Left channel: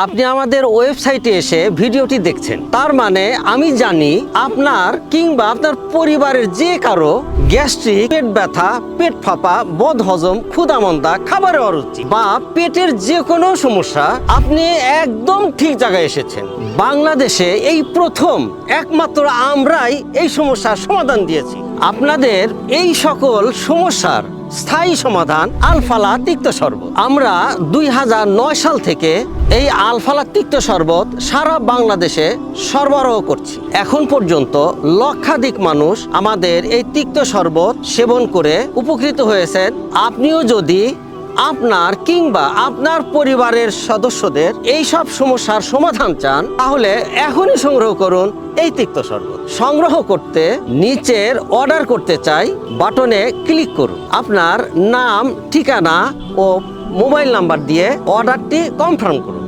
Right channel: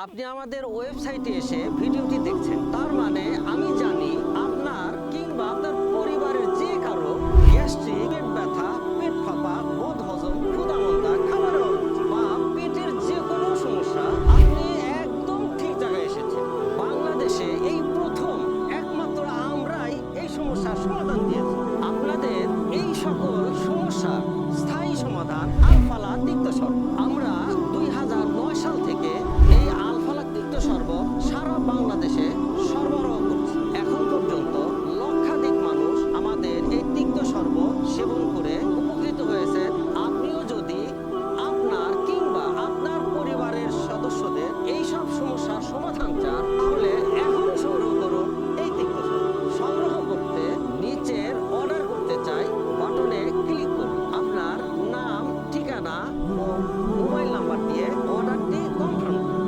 আপনি আমাদের ওয়েবসাইটে এসে ভিডিওটি দেখছেন, তার মানে আমি জানি আপনার কিংবা আপনার পরিবারের যে কারো গ্যাস্ট্রিক, পেট ব্যথা, পেট ফাঁপা, বদহজম, ক্ষুধামন্দা, খাবারের অরুচি বা পেটের যে কোনো সমস্যা, আপনি একদম ঠিক জায়গায় এসেছেন। বাংলাদেশে এই প্রথম একমাত্র আমরাই এই সমস্যার সমাধান দিয়েছি। আপনাদের এই সকল সমস্যার স্থায়ী সমাধান আলফালা তিক্ত শরবত। আমরা 2009 সাল থেকে এই আলফালা তিক্ত শরবত সারা বাংলাদেশে সরবরাহ করছি। এখন পর্যন্ত লক্ষাধিক মানুষ আমাদের এই তিক্ত শরবত সেবন করে উপকৃত হয়েছেন। আপনিও যদি আপনার কিংবা আপনার পরিবারের সদস্যদের এই সব সমস্যার সমাধান চান, তাহলে এখনই সংগ্রহ করুন এই তিক্ত শরবত। সংগ্রহ করতে নিচের অর্ডার করতে চাই বাটনে ক্লিক করুন। আপনার নাম, ঠিকানা ও মোবাইল নাম্বার দিয়ে অর্ডারটি কনফার্ম করুন।